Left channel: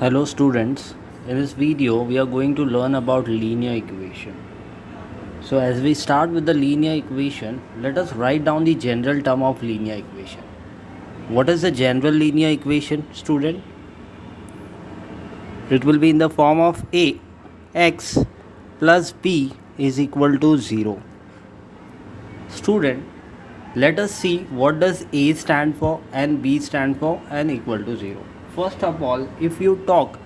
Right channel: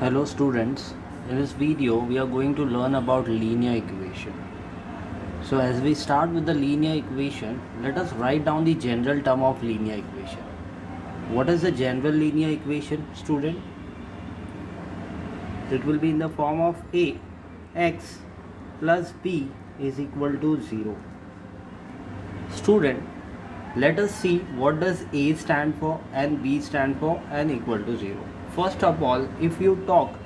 Hello students, in this video we are going to learn about linear equation. So as we start with the linear equation, let us write down the general term of linear equation. What is the general linear equation, student? It will be in the form of ax plus b is equal to 0. Student, let us see what does a stand for and b stand for and equal to 0. First of all, if you talk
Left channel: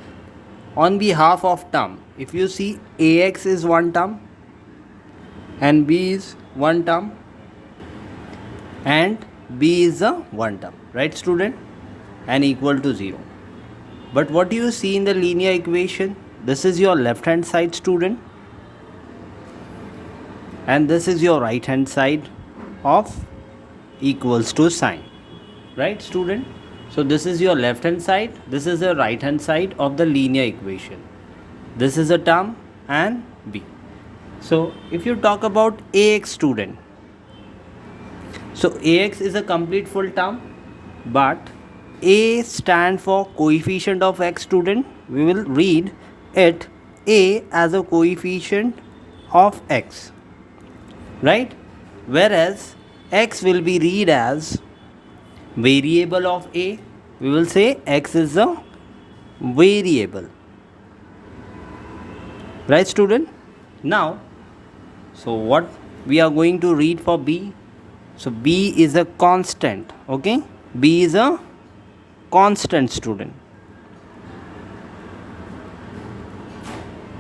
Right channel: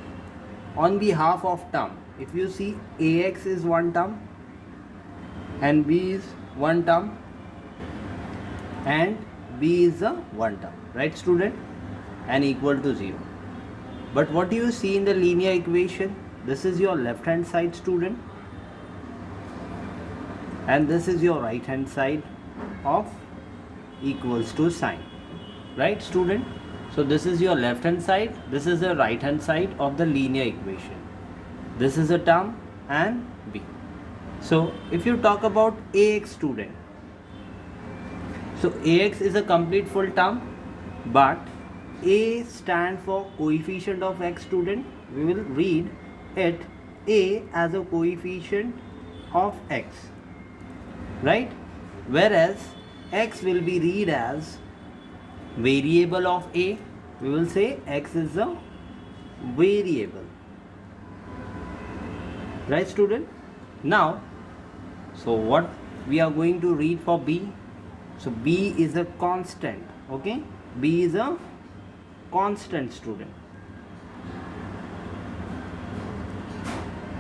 on behalf of term, if you see ax is one term and b is one term and b is a one term, right student, and equal to 0. But what do you see in the linear equation? This is your left hand side, student, and this is your right hand side of equals to sign, right student? So this is your left hand side, this is the right hand side of the linear equation. This is a term and b. So if you talk about ax, student, so ax is a complete full term, but a stand for coefficient of x, student. We will read it a as a coefficient of x, right? Whereas x will be read as variable of a. We will say x is a variable, right student? Now, so what we are going to read for b? So b is a constant, okay? B is a constant, student,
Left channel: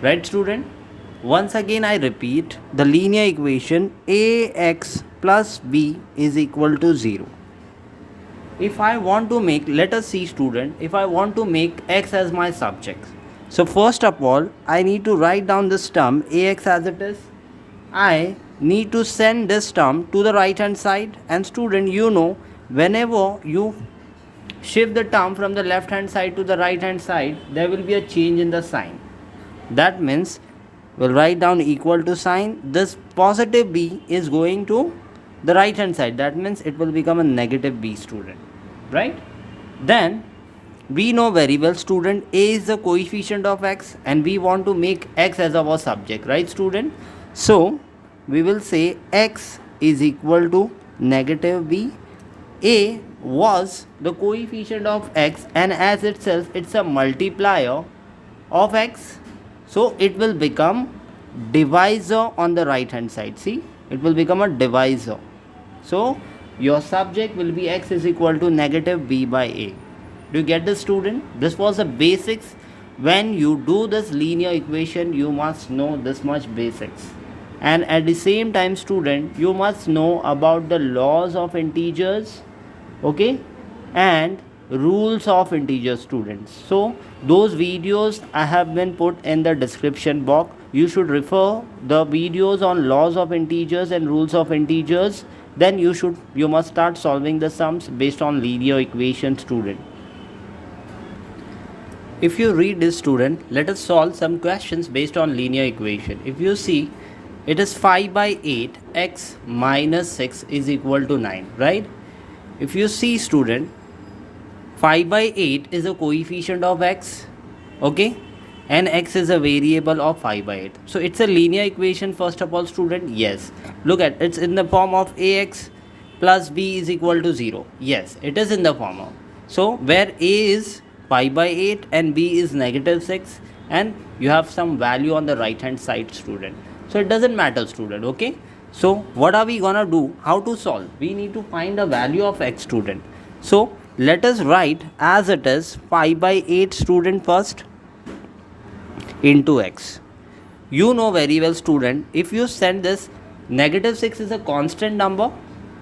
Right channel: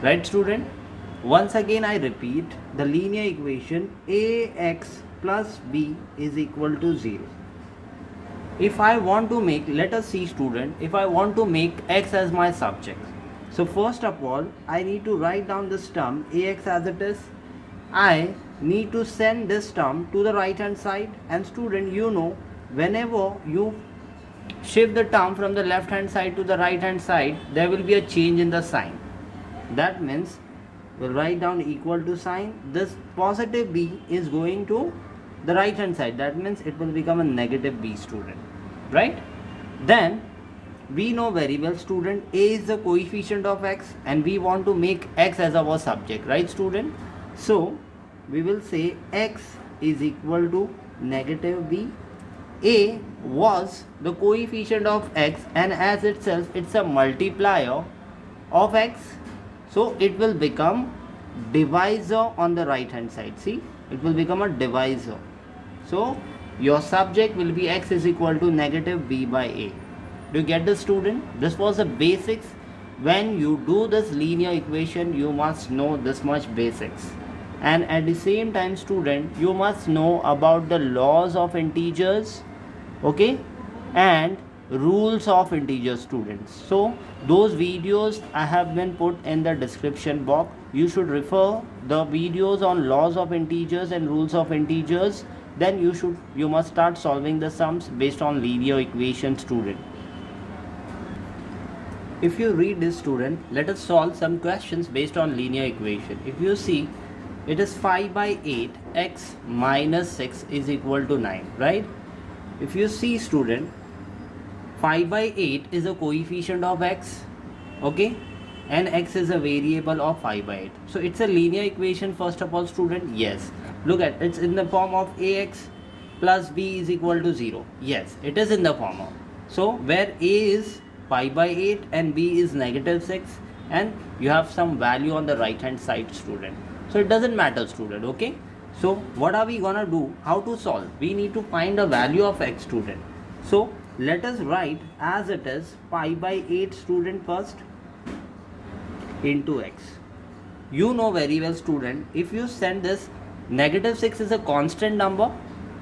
right student? Once again I repeat, the linear equation ax plus b is equal to 0. If I want to make, let us see student, if I want to make x as my subject, so first of all I need to write down this term ax as it is. I need to send this term to the right hand side, and student, you know, whenever you shift the term from the left hand side to the right hand side, there will be a change in the sign. That means we'll write down equal to sign. This positive b is going to the right hand side, that means it will become a negative b, student, right? Then we know very well, student, a is the coefficient of x and we want to make x as our subject, right student? So we will say x is equal to negative b. A was the coefficient of x and as itself it's a multiplier of x, so it will become divisor on the right hand side. See, it will become a divisor. So your subject will be x is equal to negative b by a. Do you get this, student? This was the basics. When you do this linear equation, you must know this much basics. And at the same time, student, you must know about the laws of integers, okay, and rules of integers, students. So those videos I have been put in the description box. You should refer the videos on laws of integers and rules of integers. Then you must start solving the sums based on linear equation, student. If you read this, student, let us solve some questions based on linear equation. If you see, it is 5 by 8 x minus 6 is equal to 9, right? If you see, student, 5 by 8 is a coefficient of x, okay, and x is a variable of 5 by 8. So it's a linear equation, first of all, student. Yes, look at it's in the form of ax plus b is equal to 0. Yes, it is in the form of, so where a is 5 by 8 and b is negative 6, and you have some value on the right hand side, student. So it doesn't matter, student, okay? So what are we gonna do? How to solve? We need to find a value of x, student. So let us write as it is 5 by 8, student, first into x. You know very well, student, if you send this, negative 6 is a constant number,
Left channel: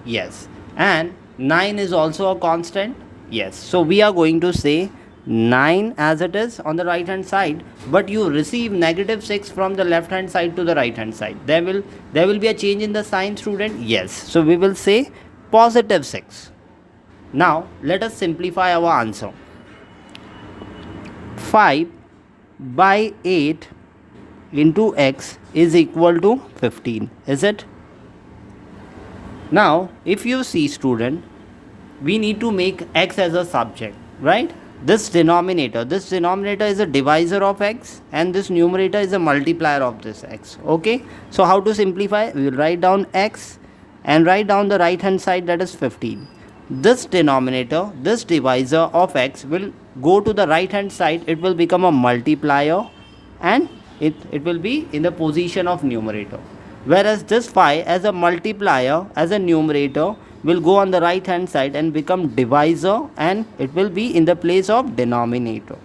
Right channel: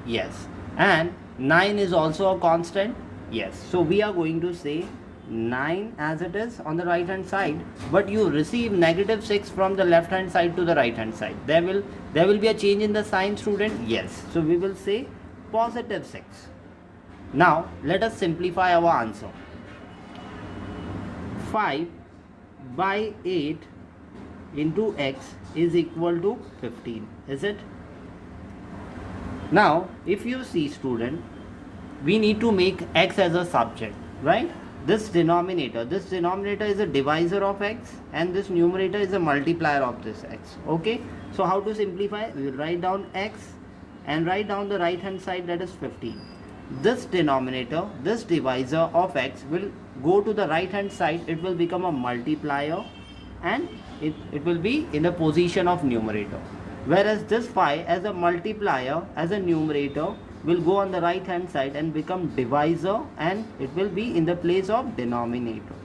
yes, and 9 is also a constant, yes. So we are going to say 9 as it is on the right hand side, but you receive negative 6 from the left hand side to the right hand side. There will be a change in the sign, student, yes. So we will say positive 6. Now let us simplify our answer. 5 by 8 into x is equal to 15, is it? Now if you see, student, we need to make x as a subject, right? this denominator is a divisor of x, and this numerator is a multiplier of this x. Okay, so how to simplify? We will write down x and write down the right hand side, that is 15. This denominator, this divisor of x will go to the right hand side, it will become a multiplier, and it will be in the position of numerator. Whereas this 5 as a multiplier, as a numerator, will go on the right hand side and become divisor, and it will be in the place of denominator.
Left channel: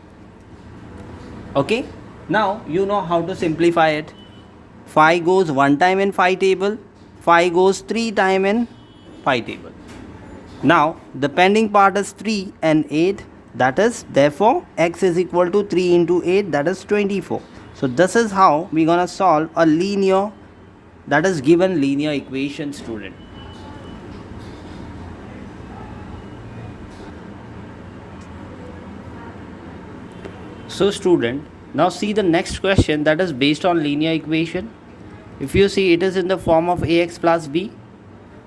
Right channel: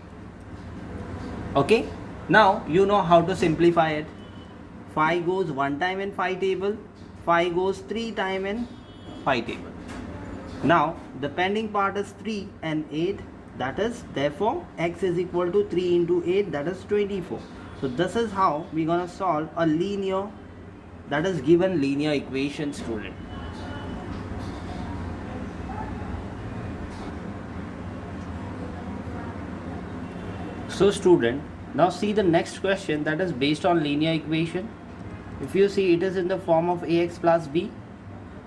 Okay, now you know how to simplify it. 5 goes 1 time in 5 table, 5 goes 3 time in 5 table. Now the pending part is 3 and 8, that is therefore x is equal to 3 into 8, that is 24. So this is how we gonna solve a linear, that is given linear equation, student. So student, now see the next question, that is based on linear equation. If you see, it is in the form of ax plus b,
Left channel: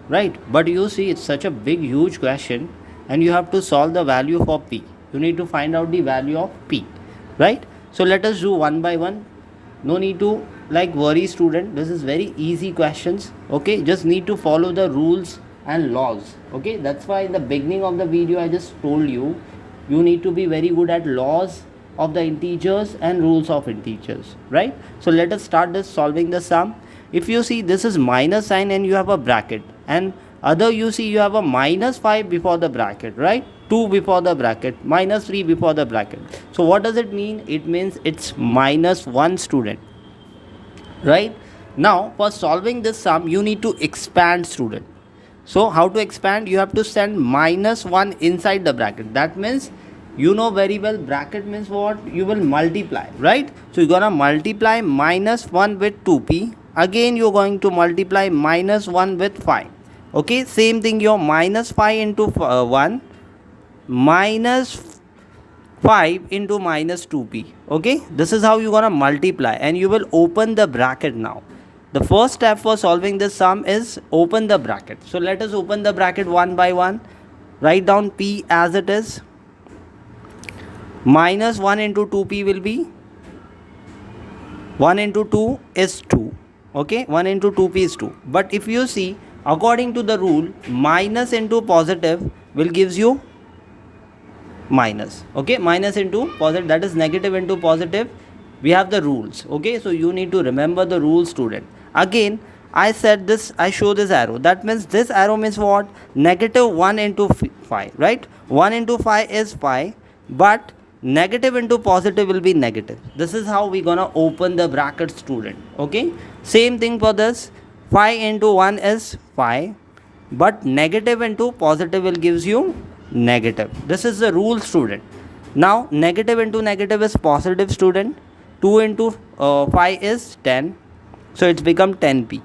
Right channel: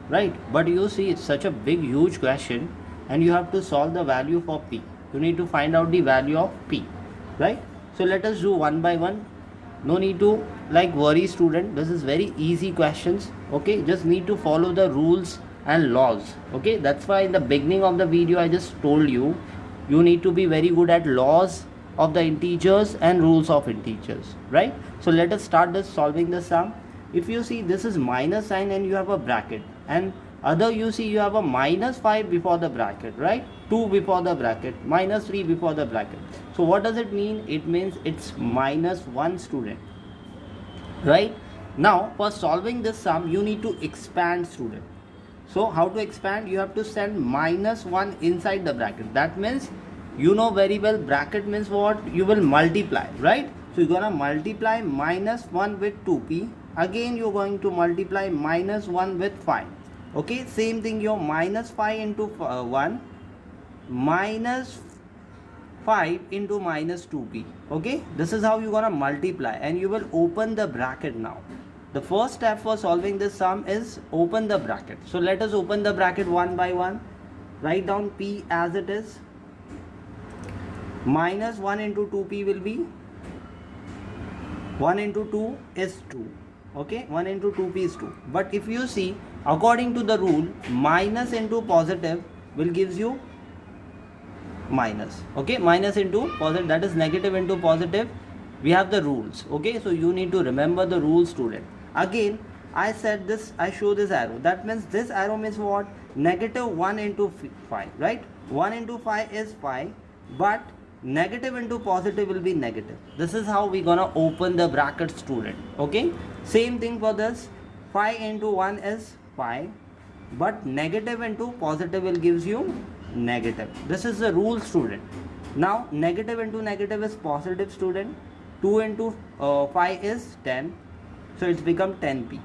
right? But you see, it's such a big huge question, and you have to solve the value for p. You need to find out the value of p, right? So let us do one by one. No need to worry, student. This is very easy questions. Okay, just need to follow the rules and laws. Okay, that's why in the beginning of the video I just told you, you need to be very good at laws of the integers and rules of integers, right? So let us start this solving the sum. If you see, this is minus sign and you have a bracket, and other you see you have a minus 5 before the bracket, right? 2 before the bracket, minus 3 before the bracket. So what does it mean? It means it's minus 1, student, right? Now for solving this sum, you need to expand, student. So how to expand? You have to send minus 1 inside the bracket. That means, you know very well, bracket means what? You will multiply, right? So you're gonna multiply minus 1 with 2p. Again you're going to multiply minus 1 with 5. Okay, same thing, your minus 5 into 1 minus 5 into minus 2p. Okay, this is how you're gonna multiply, and you will open the bracket. Now the first step for solving this sum is open the bracket. So let us open the bracket one by one. Write down p as it is. Minus 1 into 2p will be 1 into 2 is 2. Okay, 1 into 2p is 2. But if you see, according to the rule, minus into positive will gives you minus. Okay, minus into positive, that is negative into positive. We have the rules. Okay, so you need to remember the rules, student. Again, I said this, I show this arrow. That means this arrow means what? Negative 1 into 5, right? 1 into 5 is 5, but negative into positive will be negative. This is how we gonna open the bracket, student. Okay, same thing for this. 5 into 1 is 5, but negative into positive will gives you negative. This is the rule, student. Now negative into negative is positive, student. 2 into 5 is 10, so it's become 10p.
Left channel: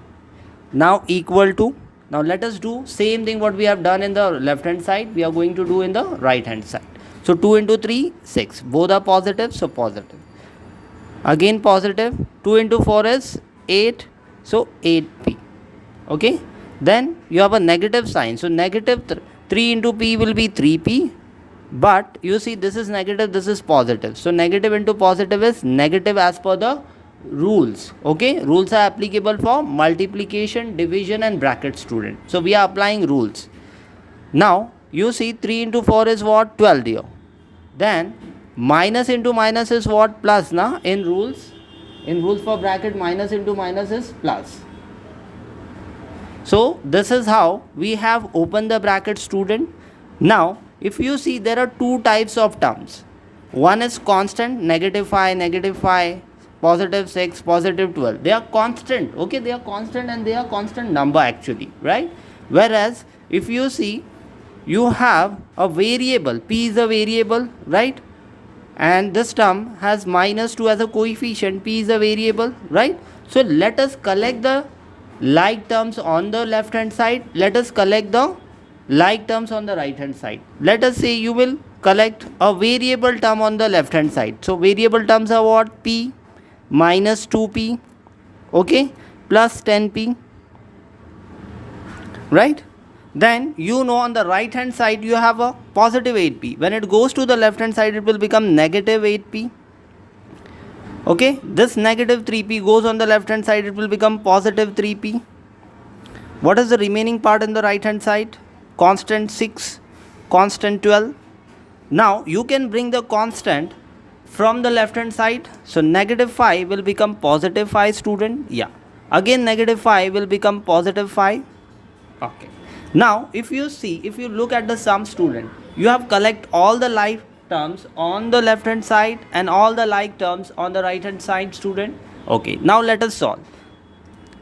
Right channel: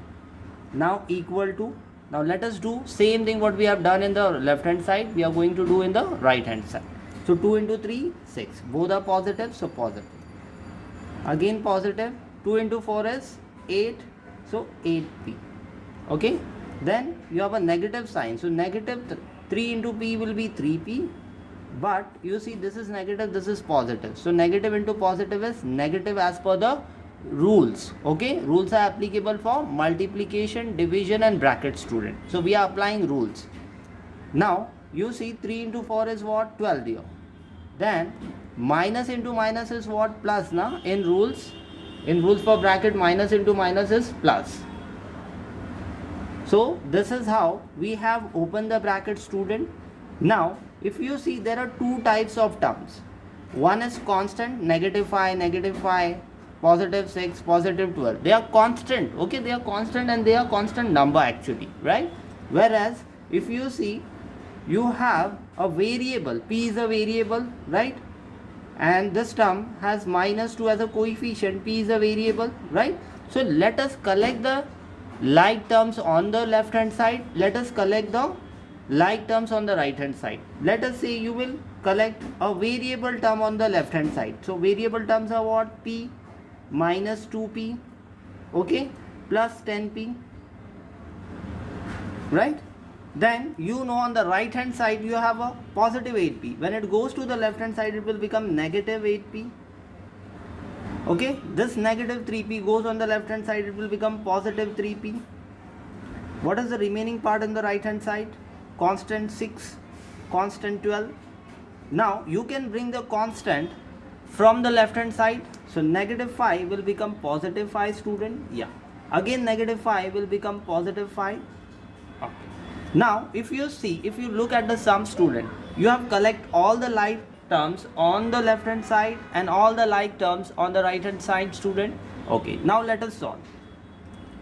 Now equal to, now let us do same thing what we have done in the left hand side, we are going to do in the right hand side. So 2 into 3, 6. Both are positive, so positive. Again positive. 2 into 4 is 8, so 8p. Okay. Then you have a negative sign. So negative 3 into p will be 3p. But you see, this is negative, this is positive. So negative into positive is negative as per the rules. Okay. Rules are applicable for multiplication, division and bracket, student. So we are applying rules. Now you see, 3 into 4 is what? 12 here. Then minus into minus is what? Plus, na? In rules for bracket, minus into minus is plus. So this is how we have opened the bracket, student. Now if you see, there are two types of terms. One is constant, negative 5, positive 6, positive 12. They are constant. Okay, they are constant, and they are constant number actually, right? Whereas if you see, you have a variable, p is a variable, right? And this term has minus 2 as a coefficient, p is a variable, right? So let us collect the like terms on the left hand side. Let us collect the like terms on the right hand side. Let us say you will collect a variable term on the left hand side. So variable terms are what? P minus 2p, okay, plus 10p, right? Then you know on the right hand side you have a positive 8p. When it goes to the left hand side, it will become negative 8p. Okay, this negative 3p goes on the left hand side, it will become positive 3p. What is the remaining part in the right hand side? Constant 6, constant 12. Now you can bring the constant from the left hand side. So negative 5 will become positive 5, student. Yeah. Again negative 5 will become positive 5. Okay. Now if you look at the sum, student, you have collect all the like terms on the left hand side and all the like terms on the right hand side, student. Okay. Now let us solve.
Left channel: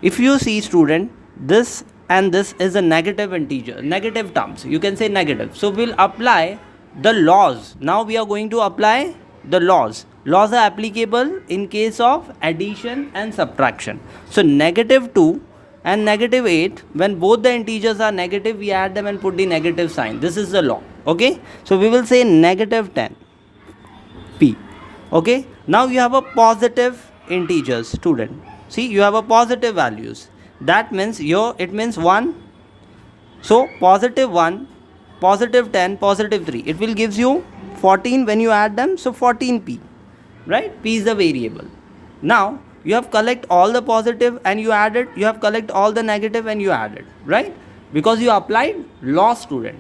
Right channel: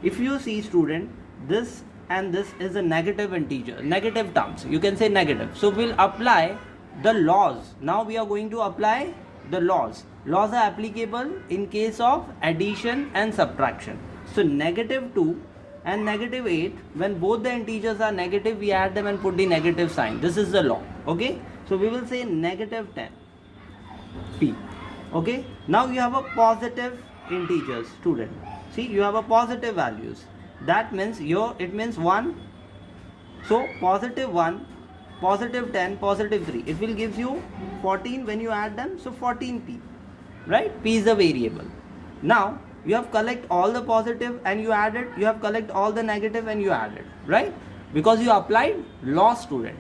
If you see, student, this and this is a negative integer, negative terms. You can say negative. So we'll apply the laws. Now we are going to apply the laws. Laws are applicable in case of addition and subtraction. So negative 2 and negative 8, when both the integers are negative, we add them and put the negative sign. This is the law. Okay. So we will say negative 10 p. Okay. Now you have a positive integers, student. See, you have a positive values. That means it means 1. So positive 1, positive 10, positive 3. It will gives you 14 when you add them. So 14p. Right? P is the variable. Now you have collect all the positive and you add it. You have collect all the negative and you add it. Right? Because you applied law, student.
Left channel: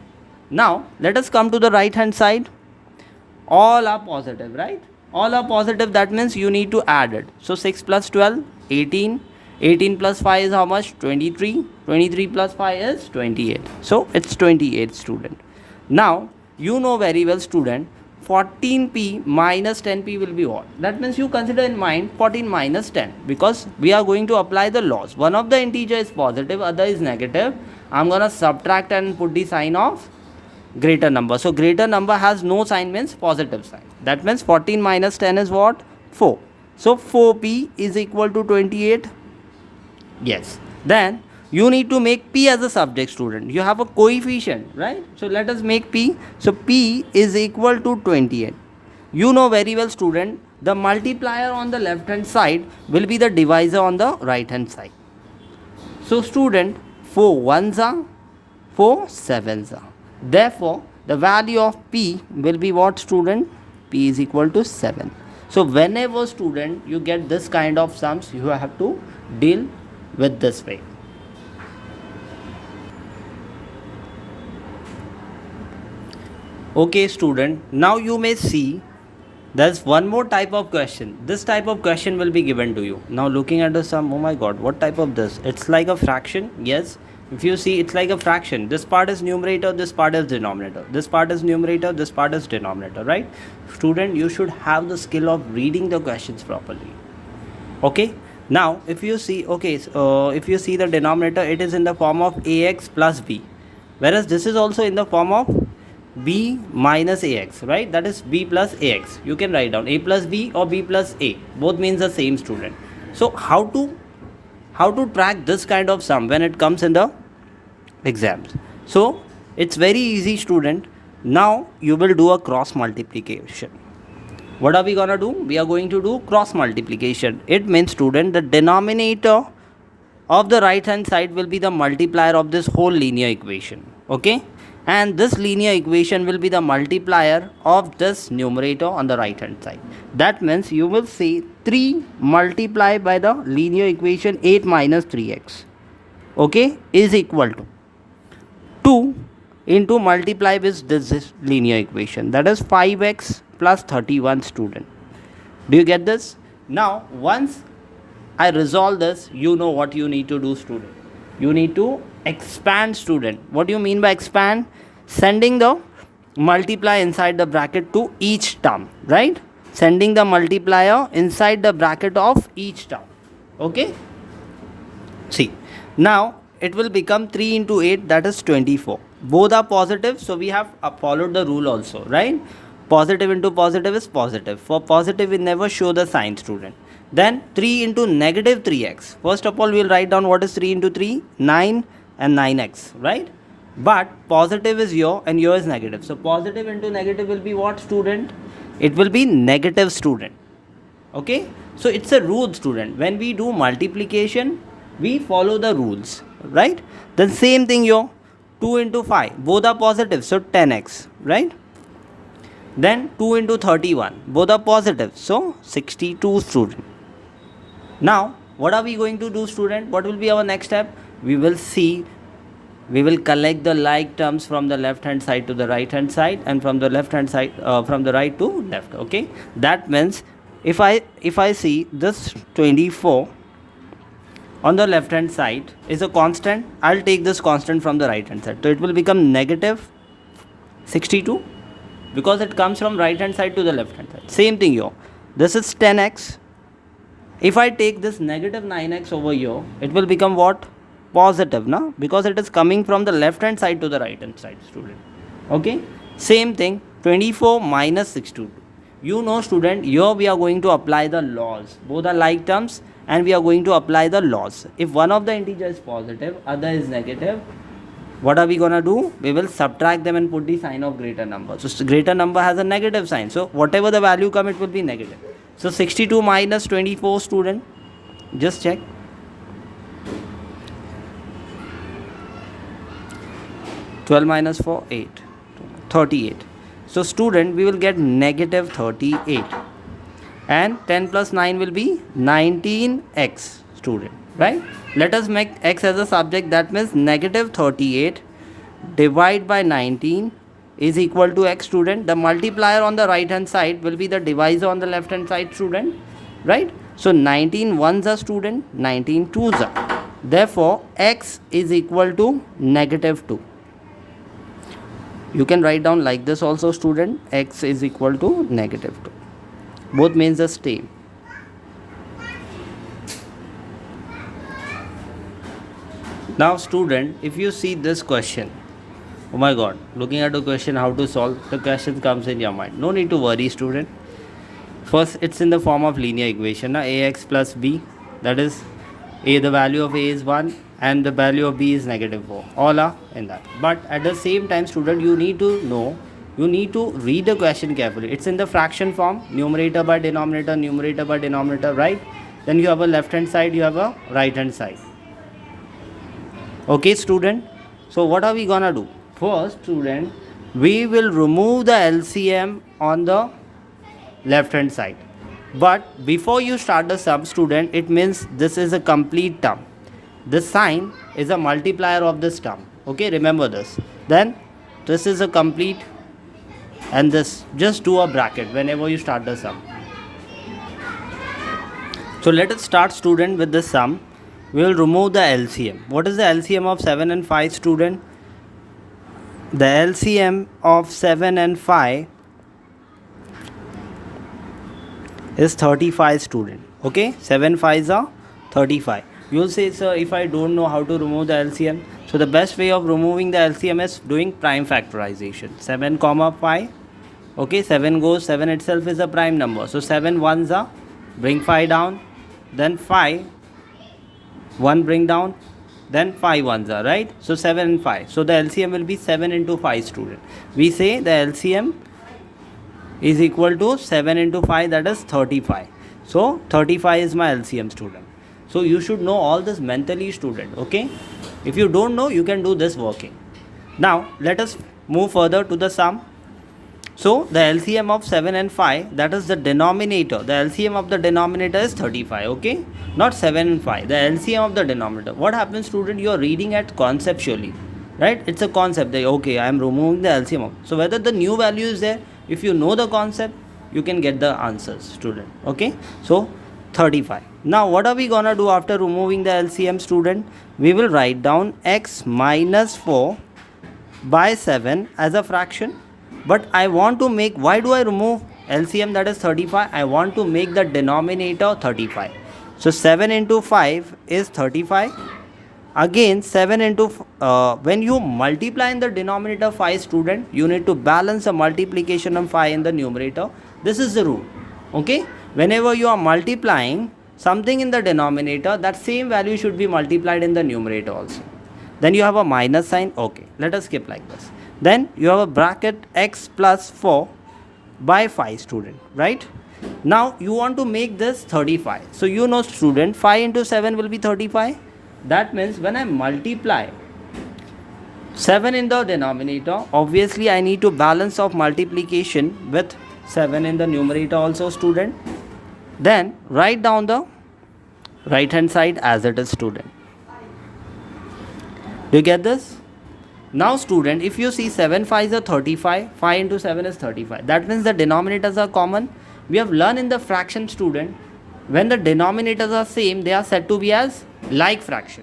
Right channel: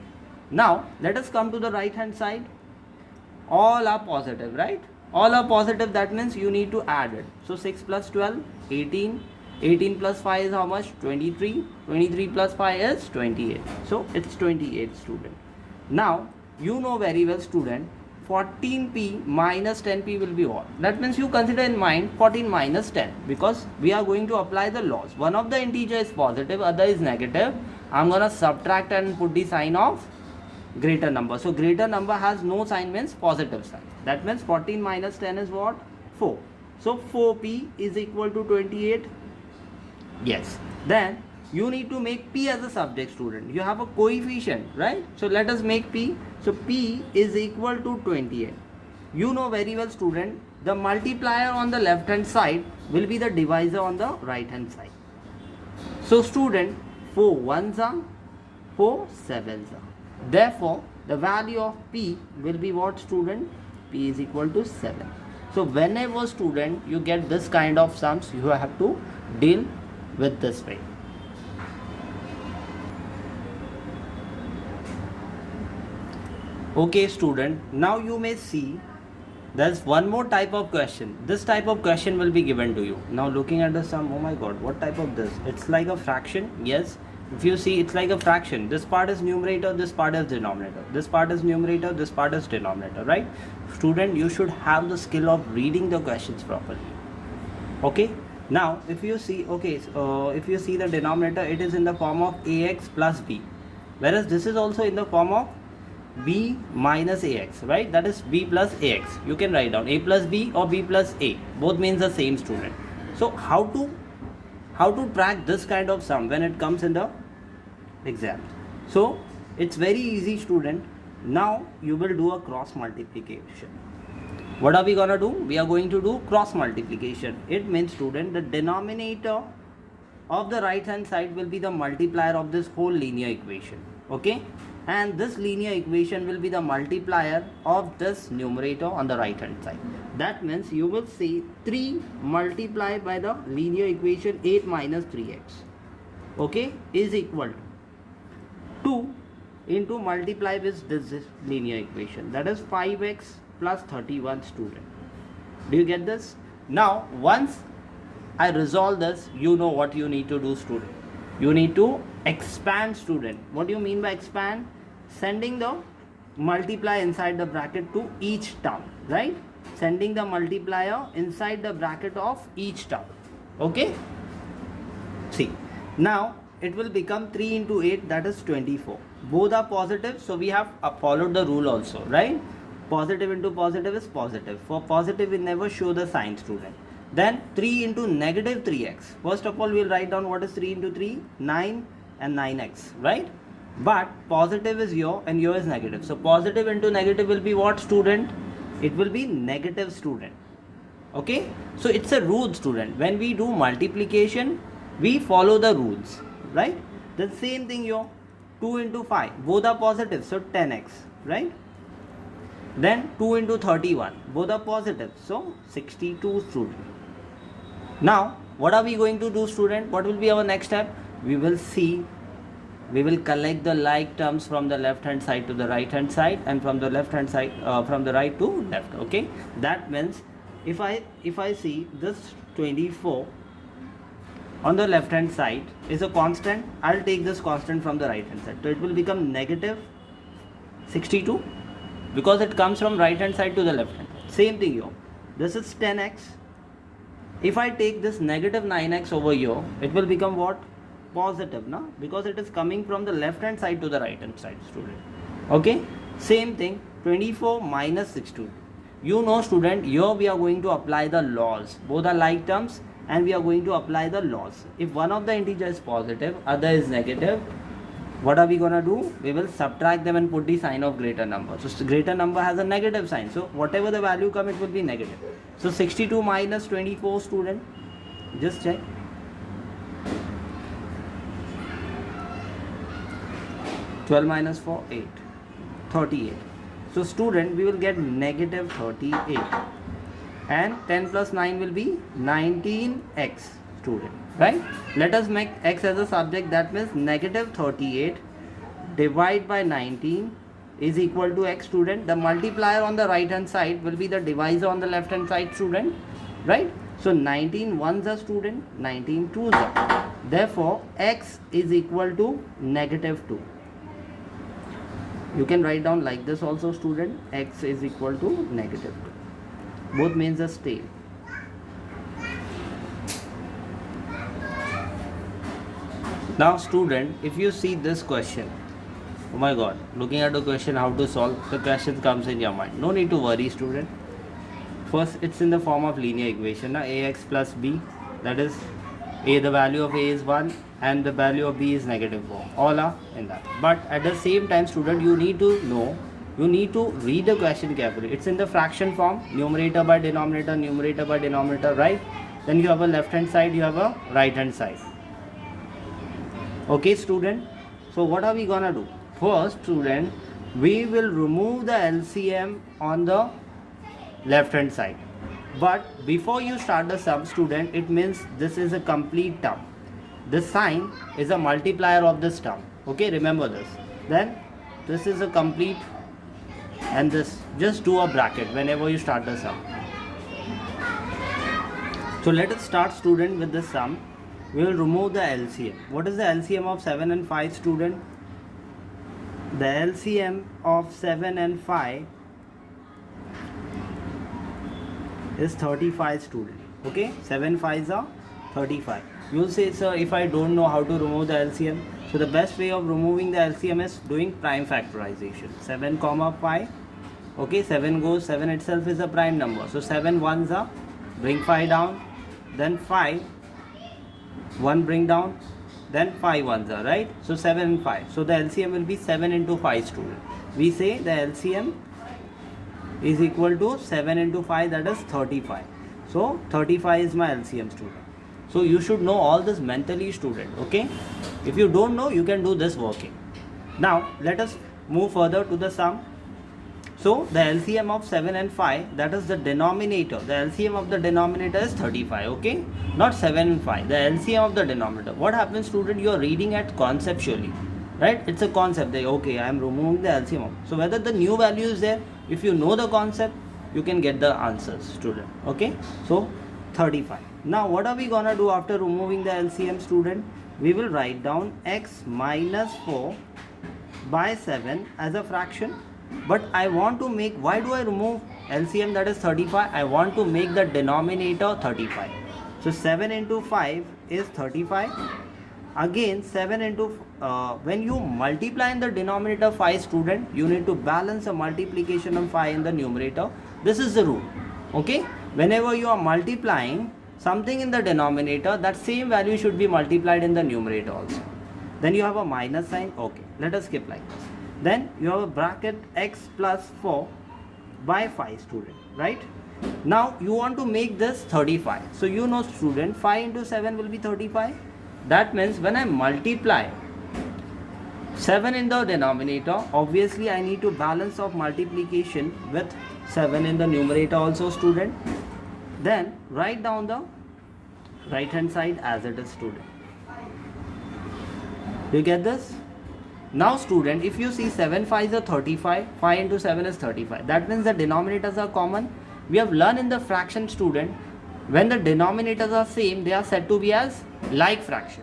Now let us come to the right hand side. All are positive, right? All are positive. That means you need to add it. So 6 plus 12, 18. 18 plus 5 is how much? 23. 23 plus 5 is 28. So it's 28, student. Now you know very well, student, 14p minus 10p will be what? That means you consider in mind 14 minus 10, because we are going to apply the laws. One of the integer is positive, other is negative. I'm gonna subtract and put the sign of greater number. So greater number has no sign, means positive sign. That means 14 minus 10 is what? 4. So 4p is equal to 28. Yes. Then you need to make p as a subject, student. You have a coefficient, right? So let us make p. So p is equal to 28. You know very well, student, the multiplier on the left hand side will be the divisor on the right hand side. So student, 4 ones are, 4 sevens are. Therefore the value of p will be what, student? P is equal to 7. So whenever, student, you get this kind of sums, you have to deal with this way. Okay, student, now you may see there's one more type of question. This type of question will be given to you. Now looking at the sum, oh my god, what type of this? It's like a fraction. Yes, if you see, it's like a fraction. This part is numerator, this part is denominator. This part is numerator, this part is denominator, right? Student, you should have the skill of reading the questions properly. Okay. Now if you see, okay, if you see the denominator, it is in the form of ax plus b, whereas this is also in the form of b minus ax, right? That is b plus ax. You can write down a plus b or b plus a, both means the same, student. So how to track this kind of sum when it comes in the exams? So it's very easy, student. Now you will do a cross multiplication. What are we gonna do? We are going to do cross multiplication. It means, student, the denominator of the right hand side will be the multiplier of this whole linear equation. Okay, and this linear equation will be the multiplier of this numerator on the right hand side. That means you will say 3 multiplied by the linear equation 8 minus 3x, okay, is equal to 2 into multiply with this linear equation, that is 5x plus 31, student. Do you get this? Now once I resolve this, you know what you need to do, student. You need to expand, student. What do you mean by expand? Sending the multiply inside the bracket to each term, right? Sending the multiplier inside the bracket of each term. Okay, see, now it will become 3 into 8, that is 24. Both are positive, so we have followed the rule also, right? Positive into positive is positive. For positive we never show the sign, student. Then 3 into negative 3x. First of all, we will write down what is 3 into 3, 9 and 9x, right? But positive is here and here is negative. So positive into negative will be what, student? It will be negative, student. Okay, so it's a rule, student. When we do multiplication, we follow the rules, right? The same thing here. 2 into 5, both are positive, so 10x, right? Then 2 into 31, both are positive, so 62 student. Now, what are we going to do, student? What will be our next step? We will collect the like terms from the left hand side to the right hand side, and from the left hand side, from the right to left, okay? That means if I see this 24 on the left hand side is a constant, I'll take this constant from the right hand side. So it will become negative 62 because it comes from right hand side to the left hand side. Same thing here. This is 10x. If I take this negative 9x over here, it will become what? Positive, na? Because it is coming from the left hand side to the right hand side, student. Okay? Same thing, 24 minus 62. You know, student, here we are going to apply the laws. Both are like terms and we are going to apply the laws. If one of the integer is positive, other is negative, what are we gonna do? We will subtract them and put the sign of greater number. So greater number has a negative sign. So whatever the value come, it will be negative. So 62 minus 24, student. Just check. (12 minus 4, 8). 38. So student, we will get negative 38. And 10 plus 9 will be 19x, student. Right? Let us make x as a subject. That means negative 38 divided by 19 is equal to x, student. The multiplier on the right hand side will be the divisor on the left hand side, student. Right? So 19 ones are, student. 19 twos are. Therefore, x is equal to negative 2. You can write down like this also, student. X is equal to negative 2. Both means the same. Now, student, if you see this question, oh my god, looking at the question, how to solve, the question comes in your mind. No need to worry, student. First, it's in the form of linear equation, ax plus b, that is a, the value of a is 1 and the value of b is negative 4. All are in that. But at the same time, student, you need to know, you need to read the question carefully. It's in the fraction form, numerator by denominator, right? Then you have a left hand side, you have a right hand side. Okay, student. So what are we gonna do? First, student, we will remove the LCM on the left hand side. But before you start the sum, student, it means this is a complete term. This sign is a multiplier of this term. Okay, remember this. Then this is a complete, and this, just do a bracket whenever you start the sum. So let us start, student, with the sum. We will remove the LCM. What is the LCM of 7 and 5, student? The LCM of 7 and 5 is 35, student. Okay, 7 5s are 35. You will say, sir, if I don't know how to remove the LCM, so the best way of removing the LCM is doing prime factorization. 7 comma 5. Okay, 7 goes, 7 itself is a prime number. So 7 ones are, bring 5 down, then 5, 1 bring down, then 5 ones are, right? So 7 and 5. So the LCM will be 7 into 5, student. We say the LCM is equal to 7 into 5, that is 35. So 35 is my LCM, student. So you should know all this mentally, student. Okay? If you don't know, you can do this working. Now let us move further to the sum. So the LCM of 7 and 5, that is the denominator. The LCM of the denominator is 35, okay? Not 7 and 5. The LCM of the denominator. What happens, student? You are reading it conceptually, right? It's a concept. That, okay, I am removing the LCM. So whether the new value is there, if you know the concept, you can get the answers, student. Okay? So 35. Now what are we gonna do after removing the LCM, student? We will write down x minus 4 by 7 as a fraction. But I want to make, why do I remove LCM, that is 35? I want to make the denominator 35. So 7 into 5 is 35. Again 7 into, when you multiply in the denominator 5, student, you need to balance the multiplication of 5 in the numerator. This is the rule. Okay? Whenever you are multiplying something in the denominator, that same value should be multiplied in the numerator also. Then you have a minus sign. Okay, let us skip like this. Then you have a bracket x plus 4 by 5, student, right? Now you want to make this 35. So you know, student, 5 into 7 will be 35. That means when I multiply 7 in the denominator. Obviously I need to balance of multiplication with 7 in the numerator also, student. Then write down the right hand side as it is, student. Do you get this? Now student, if you see 7 5 is a 35, 5 into 7 is 35. That means the denominators are common. We have learned in the fraction, student, when the denominators are same, they are said to be as like fraction.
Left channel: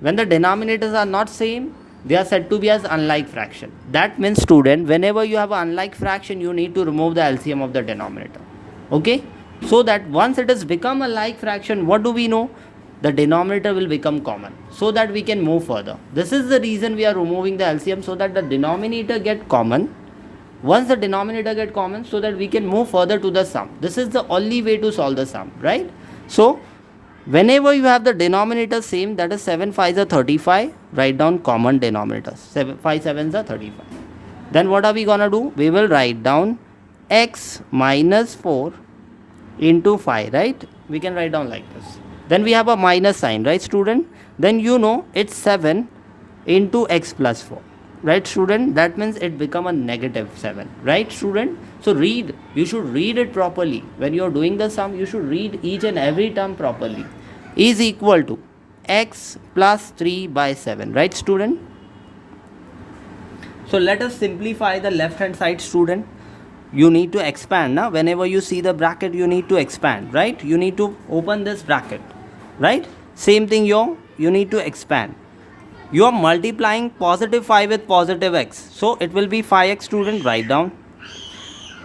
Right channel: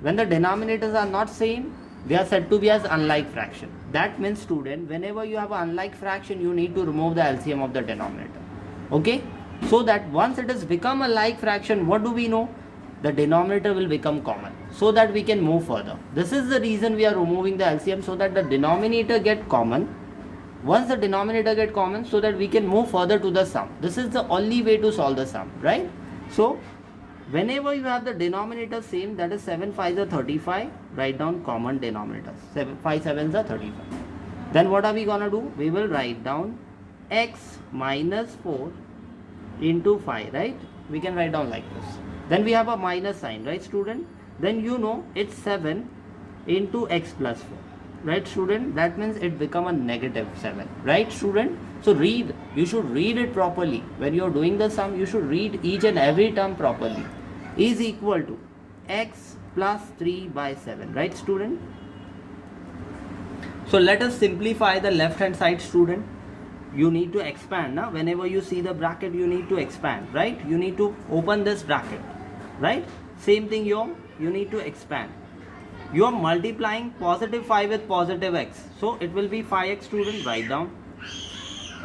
When the denominators are not same, they are said to be as unlike fraction. That means student, whenever you have an unlike fraction, you need to remove the LCM of the denominator. Okay? So that once it has become a like fraction, what do we know? The denominator will become common, so that we can move further. This is the reason we are removing the LCM, so that the denominator get common. Once the denominator get common, so that we can move further to the sum. This is the only way to solve the sum, right? So whenever you have the denominator same, that is 7 5 is a 35, write down common denominators. 5 7 is a 35. Then what are we gonna do? We will write down x minus 4 into 5, right? We can write down like this. Then we have a minus sign, right, student? Then you know it's 7 into x plus 4, right, student? That means it become a negative 7, right, student? So read, you should read it properly. When you are doing the sum, you should read each and every term properly. Is equal to x plus 3 by 7, right, student? So let us simplify the left hand side, student. You need to expand. Now whenever you see the bracket, you need to expand, right? You need to open this bracket, right? Same thing here, you need to expand. You are multiplying positive 5 with positive x, so it will be 5x, student. Write down.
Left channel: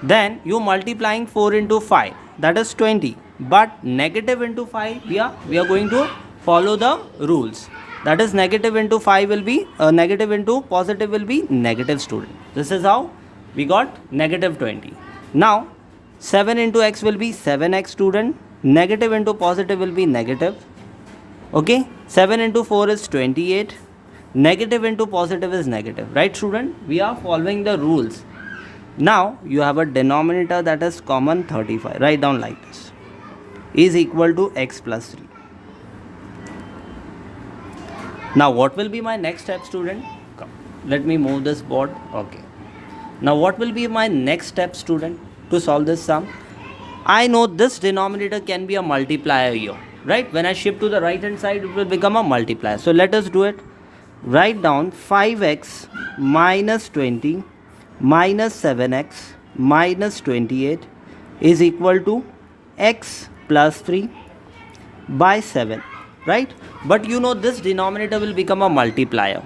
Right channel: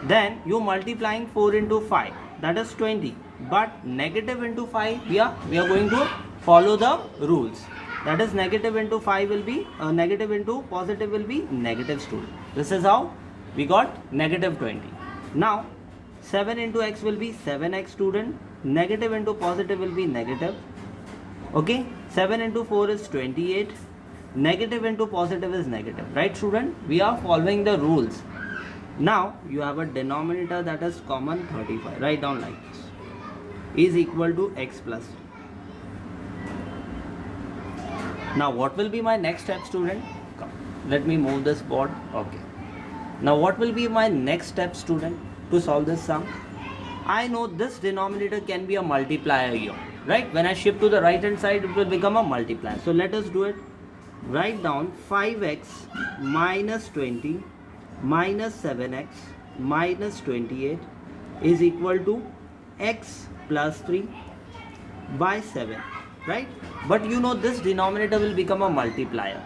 Then you multiplying 4 into 5, that is 20, but negative into 5, we are going to follow the rules. That is negative into 5 will be negative into positive will be negative, student. This is how we got negative 20. Now 7 into x will be 7x, student. Negative into positive will be negative. Okay, 7 into 4 is 28. Negative into positive is negative, right, student? We are following the rules. Now you have a denominator that is common, 35. Write down like this. Is equal to x plus 3. Now what will be my next step, student? Come, let me move this board. Okay. Now what will be my next step, student, to solve this sum? I know this denominator can be a multiplier here, right? When I shift to the right hand side, it will become a multiplier. So let us do it. Write down 5x minus 20 minus 7x minus 28 is equal to x plus 3 by 7, right? But you know this denominator will become a multiplier.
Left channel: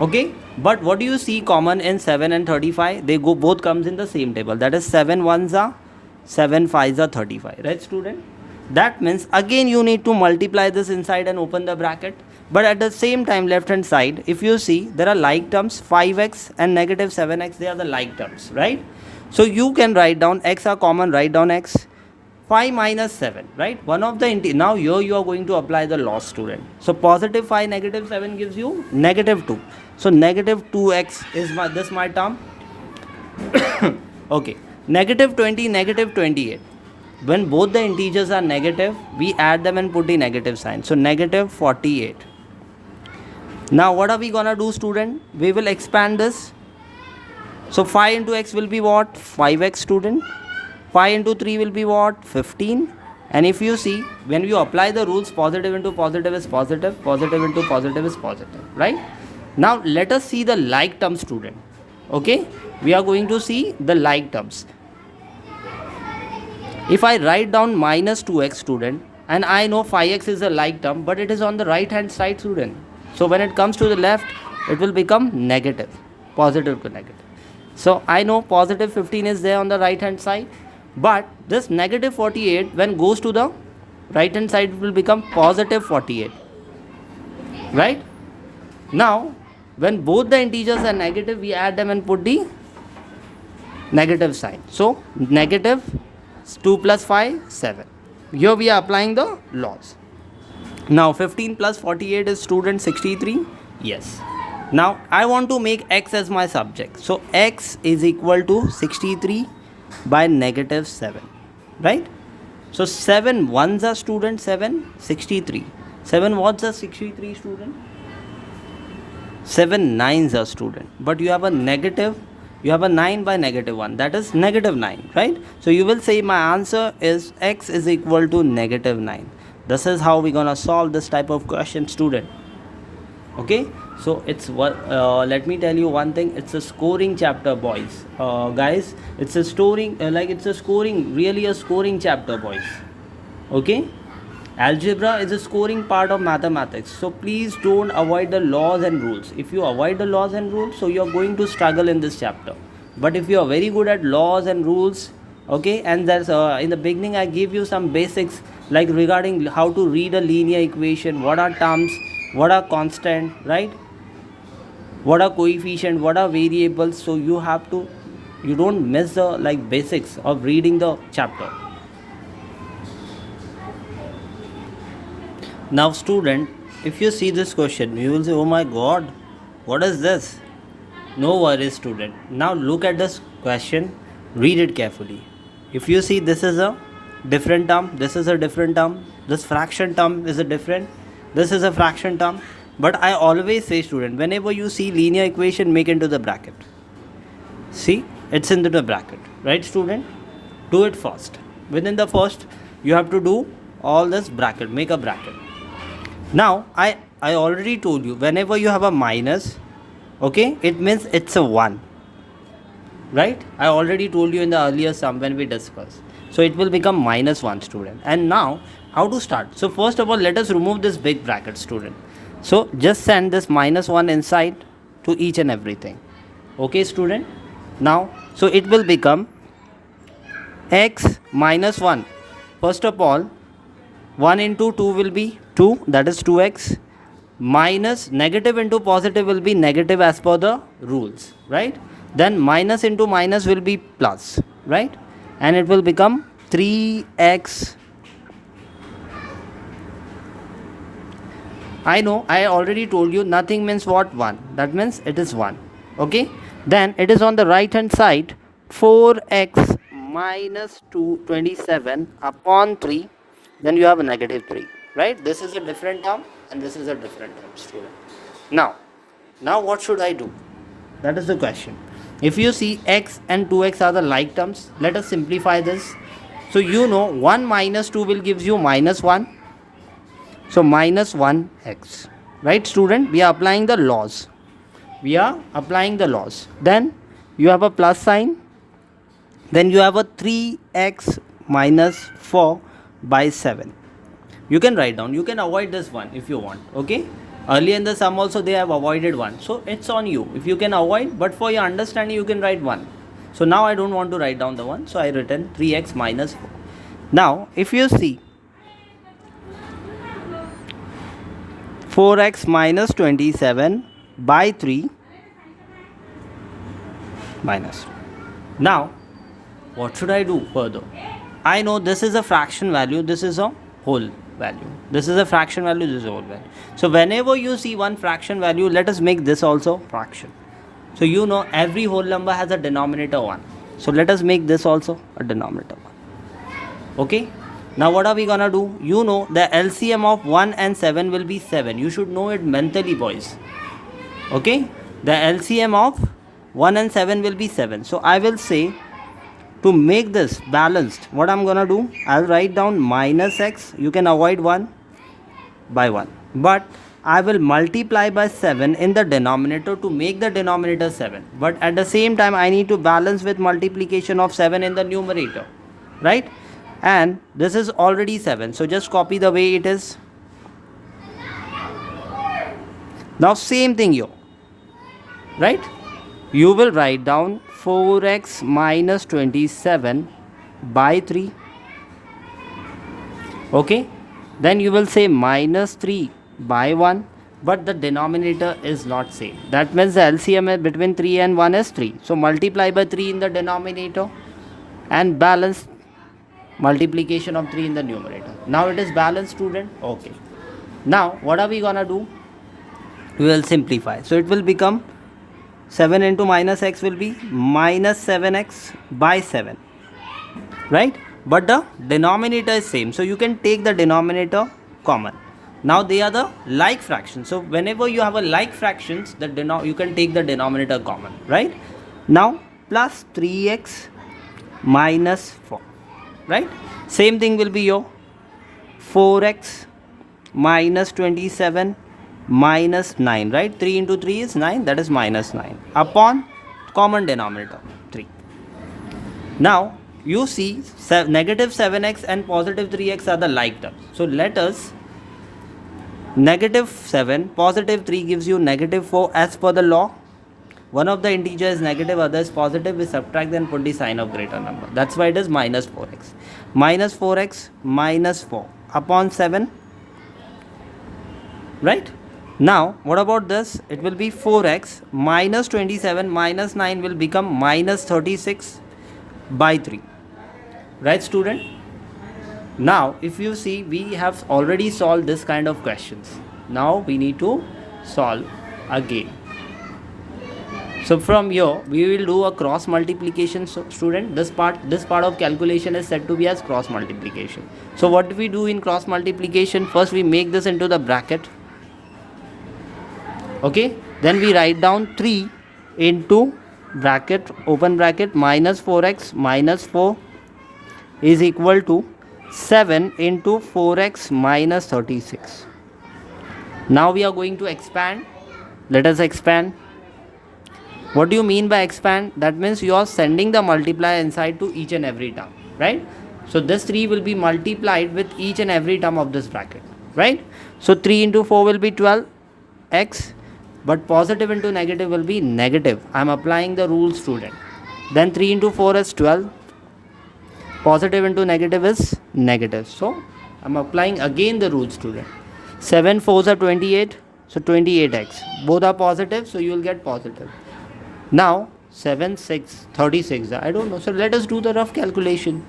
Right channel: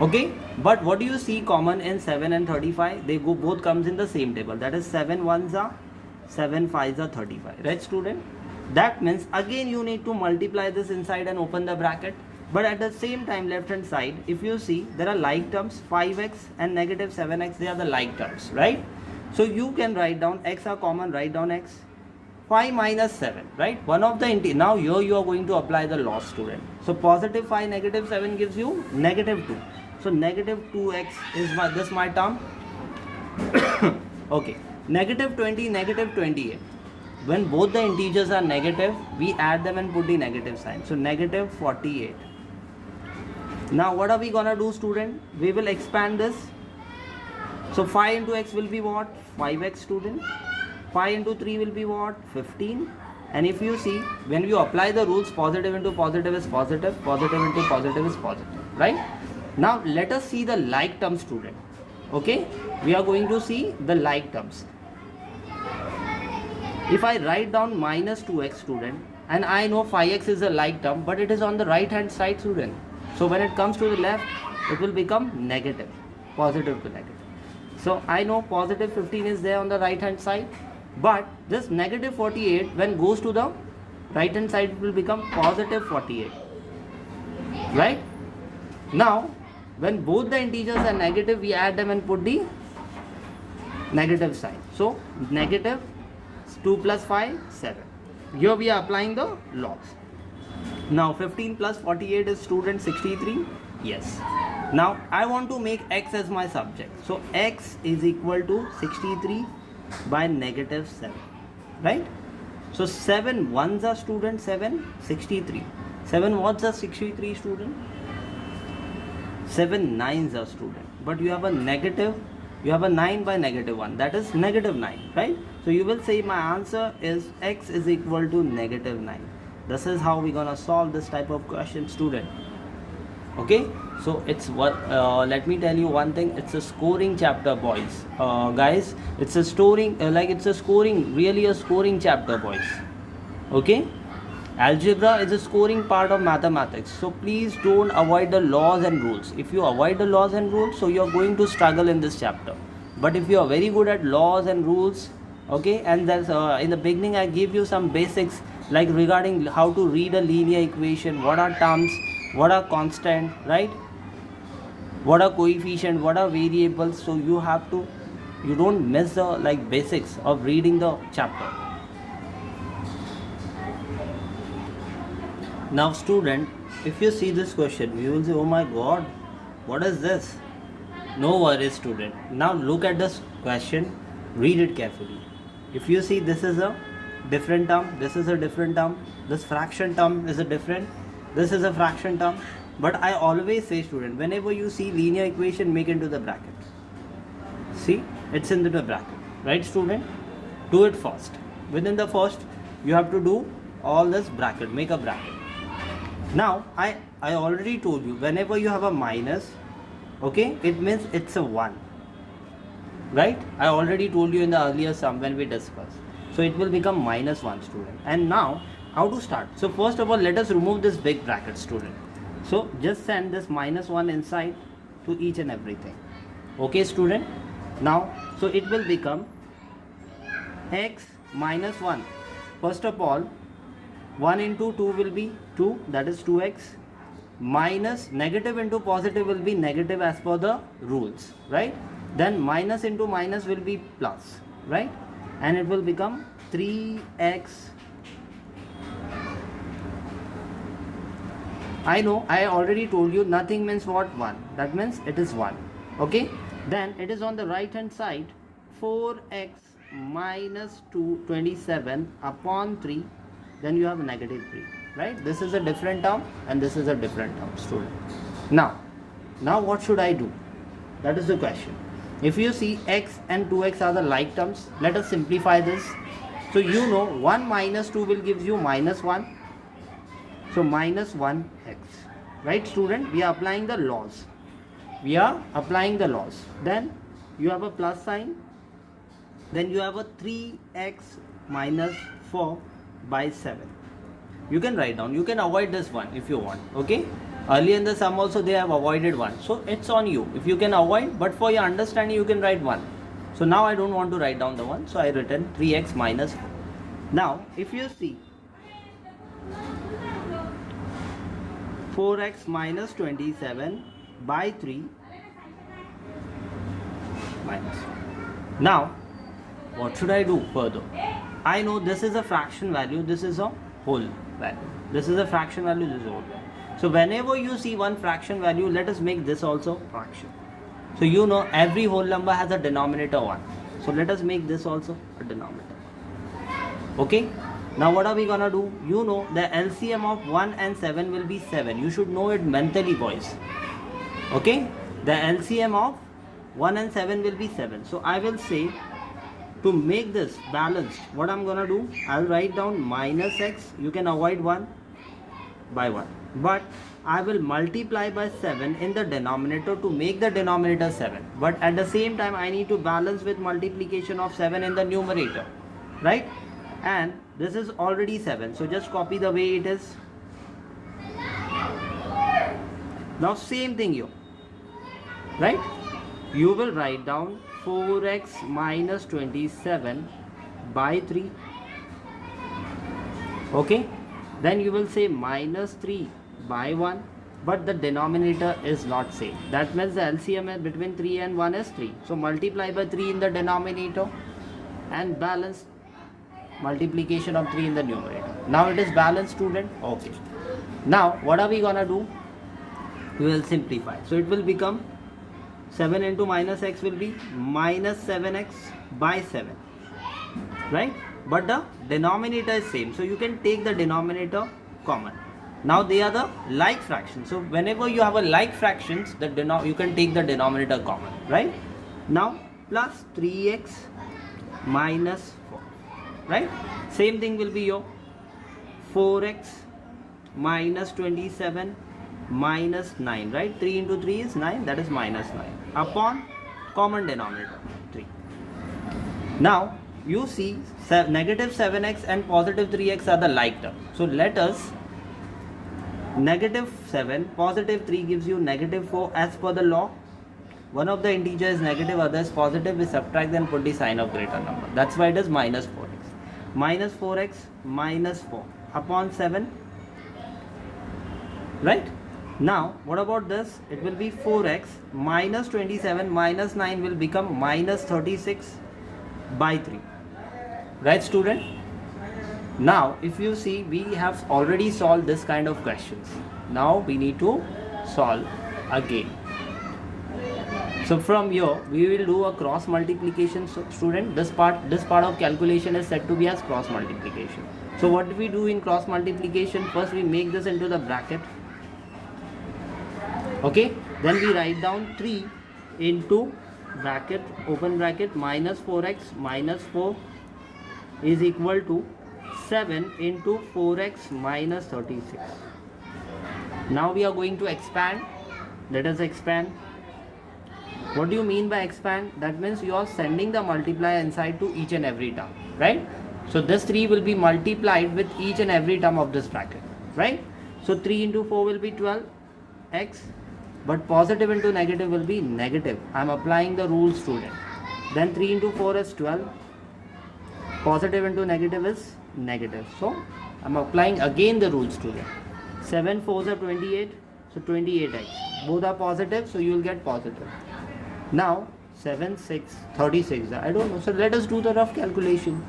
Okay, but what do you see common in 7 and 35? They go both comes in the same table. That is 7 1s are 7 5s are 35, right, student? That means again you need to multiply this inside and open the bracket. But at the same time, left hand side, if you see, there are like terms, 5x and negative 7x, they are the like terms, right? So you can write down x are common, write down x. 5 minus 7, right? One of the now here you are going to apply the loss, student. So positive 5 negative 7 gives you negative 2. So negative 2x is my term. Okay, negative 20 negative 28. When both the integers are negative, we add them and put the negative sign. So negative 48. Now what are we gonna do, student? We will expand this. So 5 into x will be what? 5x, student. 5 into 3 will be what? 15. And if you see, when you apply the rules, positive into positive is positive, positive into positive is positive, right? Now let us see the like term, student. Okay, we are going to see the like terms. If I write down minus 2x, student, and I know 5x is a like term, but it is on the right hand side, student. So when it comes to the left, it will become negative, positive to negative. So I know positive 15 is there on the right hand side, but this negative 48 when goes to the right hand side, it will become positive 48, right? Now when both the integers are negative, we add them and put the negative sign. So negative 2 plus 5, 7. Here we are applying the laws. Now 15 plus 48 is, student, 63. Yes. Now I want to make x as my subject. So x is equal to 63 by negative 7. Right? So 7 1s are, student, 7, 63. 7 what's are 63, student? 7 nines are student, but you have a negative, you have a 9 by negative 1, that is negative 9, right? So you will say my answer is x is equal to negative 9. This is how we're gonna solve this type of question, student. Okay, so it's what let me tell you one thing, it's a scoring chapter, boys, guys, it's a scoring it's a scoring, really a scoring chapter, boys. Okay, algebra is a scoring part of mathematics, so please don't avoid the laws and rules. If you avoid the laws and rules, so you're going to struggle in this chapter. But if you are very good at laws and rules, okay, and that's in the beginning I give you some basics like regarding how to read a linear equation, what are terms, what are constant, right, what are coefficient, what are variables, so you have to, you don't miss the like basics of reading the chapter. Now student, if you see this question, you will say, oh my god, what is this? No worries student. Now look at this question, read it carefully. If you see this is a different term, this is a different term, this fraction term is a different, this is a fraction term. But I always say student, whenever you see linear equation, make into the bracket. See, it's into the bracket, right student? Do it first. Within the first, you have to do all this bracket, make a bracket. Now I already told you, whenever you have a minus, okay, it means it's a 1, right? I already told you in the earlier sum when we discussed. So it will become minus 1, student. And now how to start? So first of all, let us remove this big bracket, student. So just send this minus 1 inside to each and everything. Okay student? Now so it will become x minus 1. First of all, 1 into 2 will be 2, that is 2x, minus negative into positive will be negative as per the rules, right? Then minus into minus will be plus, right? And it will become 3x. I know, I already told you nothing means what? 1. That means it is 1. Okay? Then it is on the right hand side, 4x minus 227 upon 3. Then you have a negative 3, right? This is a different term and this is a different term, student. Now what should I do? That is the question. If you see x and 2x are the like terms, let us simplify this. So you know 1 minus 2 will give you minus 1. So minus 1x, right student? We are applying the laws. We are applying the laws. Then you have a plus sign. Then you have a 3x minus 4 by 7. You can write down, you can avoid this one if you want. Okay, earlier in the sum also they have avoided 1, so it's on you if you can avoid, but for your understanding you can write 1. So now I don't want to write down the 1, so I written 3x minus 4. Now if you see 4x minus 27 by 3 minus. Now what should I do further? I know this is a fraction value, this is a whole value. This is a fraction value, this is a whole value. So whenever you see one fraction value, let us make this also fraction. So you know every whole number has a denominator 1. So let us make this also a denominator 1. Okay. Now what are we gonna do? You know the LCM of 1 and 7 will be 7. You should know it mentally, boys. Okay. The LCM of 1 and 7 will be 7. So I will say, to make this balanced, what I'm gonna do, I'll write down minus x, you can avoid 1 by 1, but I will multiply by 7 in the denominator to make the denominator 7, but at the same time I need to balance with multiplication of 7 in the numerator, right? And this is already 7, so just copy the way it is. Now same thing here, right? You will write down 4x minus 27 by 3. Okay, then you will say minus 3 by 1, but the denominator is not same. That means the LCM between 3 and 1 is 3. So multiply by 3 in the denominator and balance multiplication of 3 in the numerator. Now it is balanced, student. Okay. Now what are we gonna do? We will simplify. So it will become 7 into minus x will be minus 7x by 7, right? But the denominator is same, so you can take the denominator common. Now they are the like fractions. So whenever you have a like fractions, you can take the denominator common, right? Now plus 3x minus 4, right? Same thing will be your 4x minus 27 minus 9, right? 3 into 3 is 9, that is minus 9 upon common denominator 3. Now you see negative 7x and positive 3x are the like terms. So let us negative 7, positive 3 gives you negative 4 as per the law. One of the integer is negative, other is positive. We subtract and put the sign of greater number. That's why it is minus 4x. Minus 4x minus 4 upon 7. Right? Now, what about this? It will be 4x minus 27 minus 9 will become minus 36 by 3. Right, student? Now, if you see, we have already solved this kind of questions. Now, we need to solve again. So from here, we will do a cross multiplication, student. This part of calculation is said to be as cross multiplication. So what do we do in cross multiplication? First, we make this into the bracket. Okay. Then we write down 3 into bracket, open bracket, minus 4x minus 4 is equal to 7 into 4x minus 36. Now we are going to expand. Let us expand. What do you mean by expand? That means you are sending the multiplier inside to each and every term, right? So this 3 will be multiplied with each and every term of this bracket, right? So 3 into 4 will be 12x, but positive into negative will be negative. I am applying the rule, student. Then 3 into 4 is 12. Positive into negative is negative. So I am applying again the rule, student. 7 4s are 28. So 28x. Both are positive, so you will get positive. Now 7 6 36. I don't know. So let us do the rough calculation.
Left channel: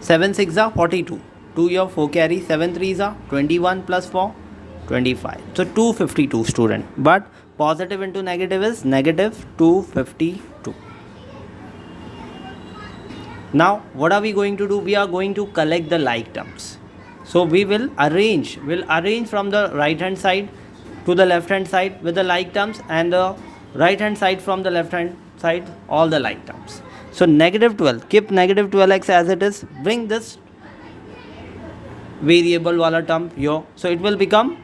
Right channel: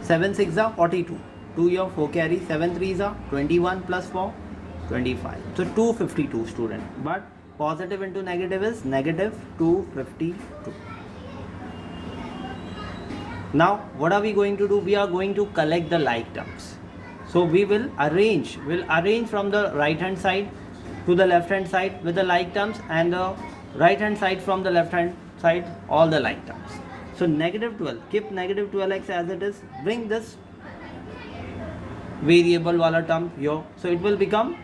7 6 are 42. 2 your 4 carry. 7 3s are 21 plus 4 25. So 252, student. But positive into negative is negative 252. Now what are we going to do? We are going to collect the like terms. So we will arrange from the right hand side to the left hand side with the like terms, and the right hand side from the left hand side all the like terms. So negative 12, keep negative 12x as it is. Bring this variable wala term here. So it will become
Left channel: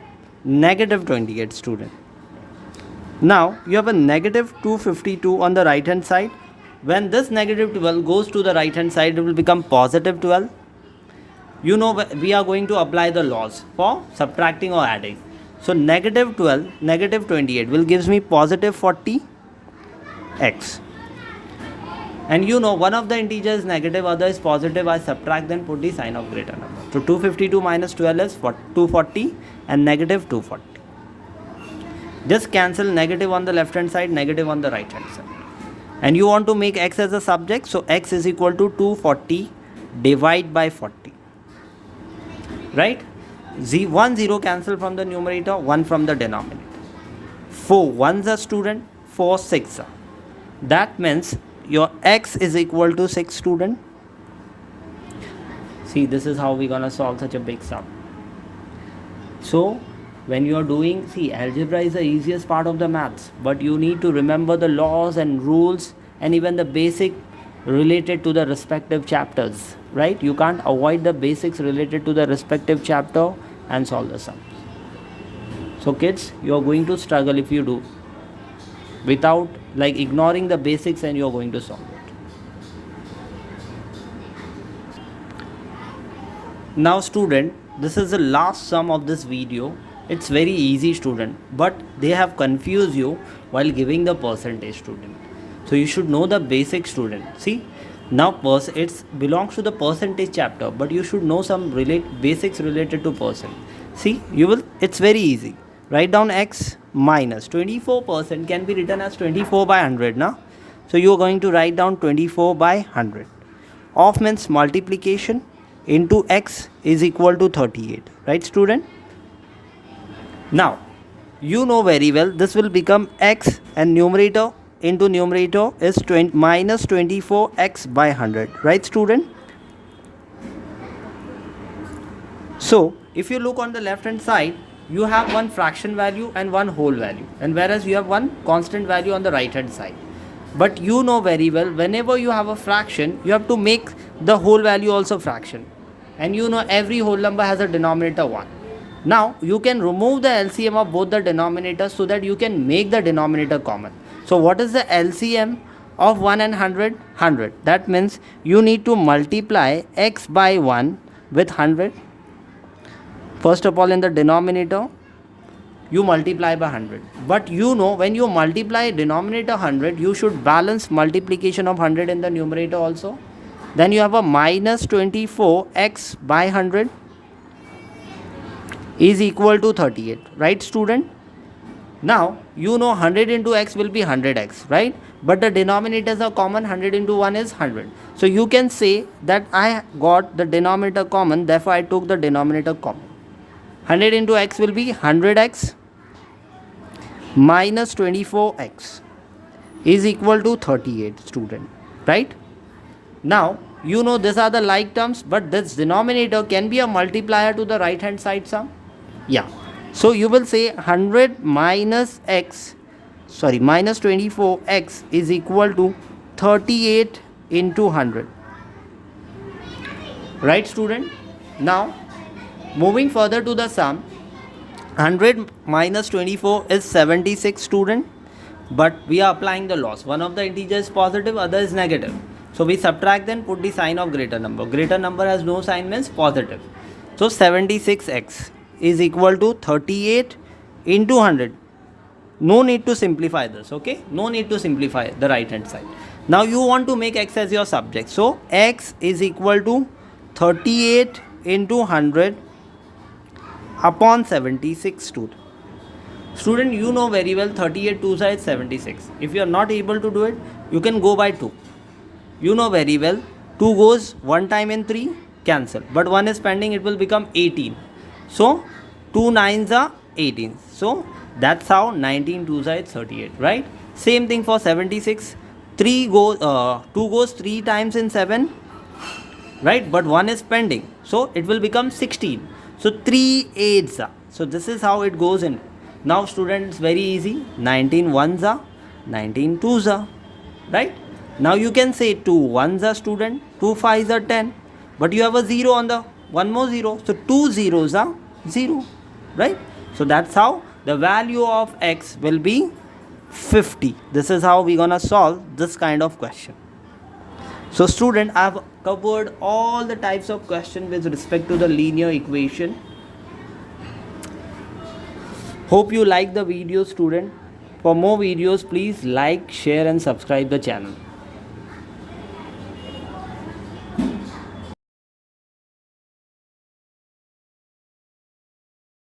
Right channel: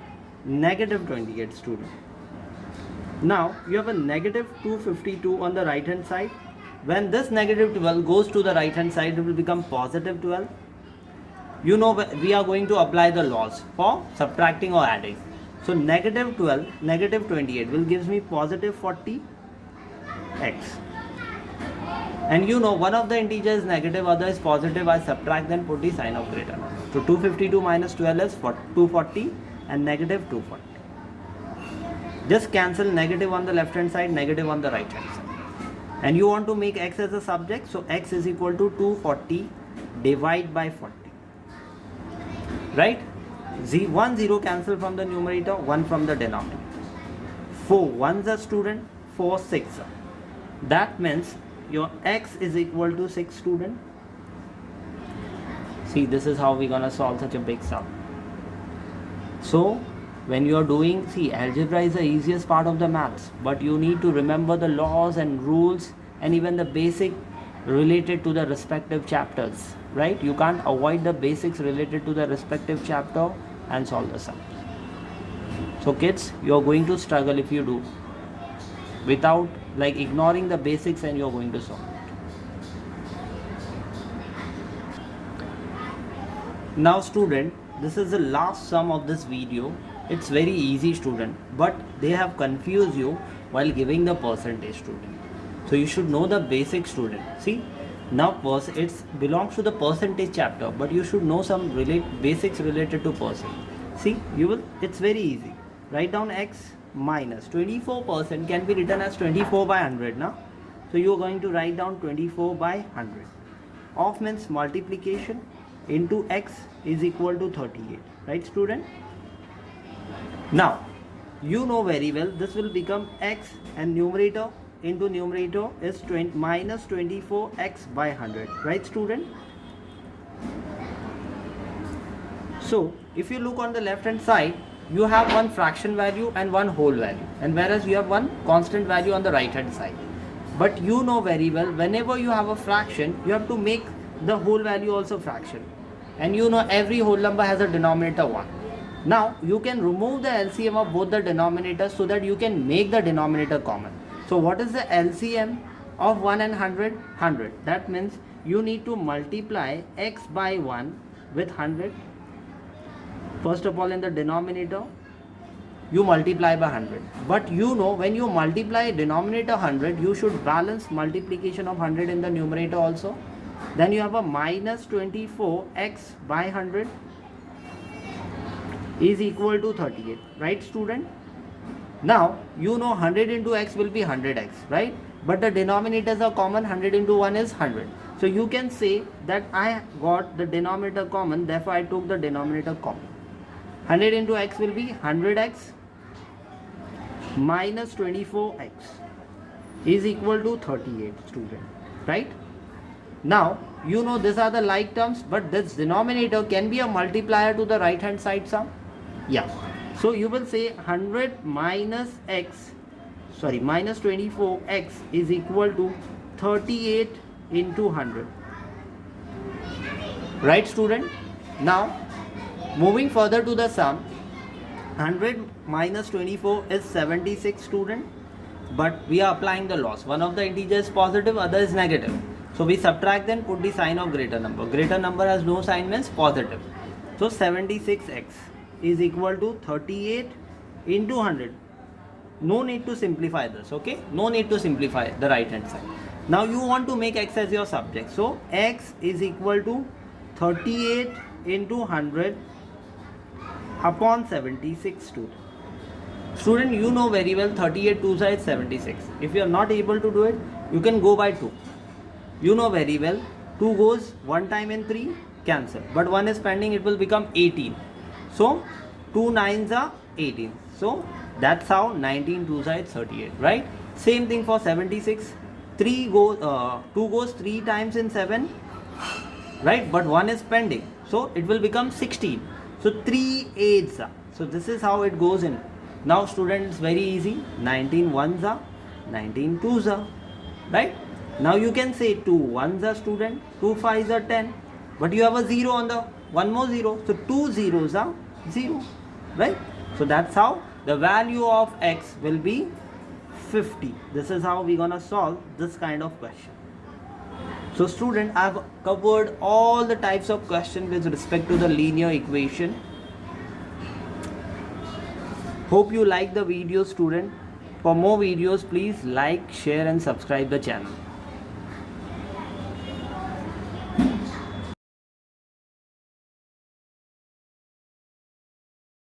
negative 28, student. Now you have a negative 252 on the right hand side. When this negative 12 goes to the right hand side, it will become positive 12. You know we are going to apply the laws for subtracting or adding. So negative 12, negative 28 will gives me positive 40x. And you know one of the integers is negative, other is positive. I subtract, then put the sign of greater number. So 252 minus 12 is 240 and negative 240. Just cancel negative on the left hand side, negative on the right hand side. And you want to make x as a subject, so x is equal to 240 divided by 40. Right? 1 0 cancel from the numerator, 1 from the denominator. 4 1s are, student, 4 6 are. That means your x is equal to 6, student. See, this is how we're gonna solve such a big sum. So when you are doing, see, algebra is the easiest part of the maths, but you need to remember the laws and rules and even the basic related to the respective chapters, right? You can't avoid the basics related to the respective chapter and solve the sums. So kids, you are going to struggle if you do without ignoring the basics, and you are going to solve it. Now student, this is the last sum of this video. It's very easy, student, but they have confused you while giving the percentage, student. So you should know the basic, student. See, now it belongs to the percentage chapter, but you should know some basics related to percent. See, it's very easy. Write down x minus 24% can be written as 24 by 100 now. So you are going to write down 24 by 100. Of means multiplication into x is equal to 38. Right, student? Now, you know very well this will become x, and numerator into numerator is minus 24x by 100. Right, student? So, if you look on the left hand side, you have one fraction value and one whole value, and whereas you have one constant value on the right hand side. But you know very well, whenever you have a fraction, you have to make the whole value also fraction, and you know every whole number has a denominator 1. Now you can remove the LCM of both the denominators so that you can make the denominator common. So what is the LCM of 1 and 100? 100. That means you need to multiply x by 1 with 100. First of all, in the denominator, you multiply by 100. But you know, when you multiply denominator 100, you should balance multiplication of 100 in the numerator also. Then you have a minus 24x by 100 is equal to 38. Right, student? Now, you know 100 into x will be 100x, right? But the denominators are common. 100 into 1 is 100. So you can say that I got the denominator common, therefore I took the denominator common. 100 into x will be 100x minus 24x is equal to 38, student, right? Now, you know these are the like terms, but this denominator can be a multiplier to the right hand side sum. Yeah. So you will say 100 minus 24x is equal to 38 into 100. Right, student? Now, moving further to the sum, 100 minus 24 is 76, student. But we are applying the loss. One of the integers is positive, other is negative. So we subtract them, put the sign of greater number. Greater number has no sign, means positive. So 76x is equal to 38 into 100. No need to simplify this, okay? No need to simplify the right hand side. Now you want to make x as your subject. So x is equal to 38 into 100 upon 76, student. Student, you know very well 38 2 is 76. If you are not able to do it, you can go by 2. You know very well 2 goes one time in 3, cancel. But 1 is pending, it will become 18. So 2 9s are 18. So that's how 19 2 is 38, right? Same thing for 76. 2 goes 3 times in 7, right? But 1 is pending, so it will become 16. So 3 8s are. So this is how it goes in. Now students, very easy. 19 1s are, 19 2s are, right? Now you can say 2 1s are, student, 2 5s are 10, but you have a 0 on the one more 0, so 2 zeros are 0, right? So that's how the value of x will be 50. This is how we're gonna solve this kind of question. So student, I've covered all the types of question with respect to the linear equation. Hope you like the video, student. For more videos, please like, share and subscribe the channel.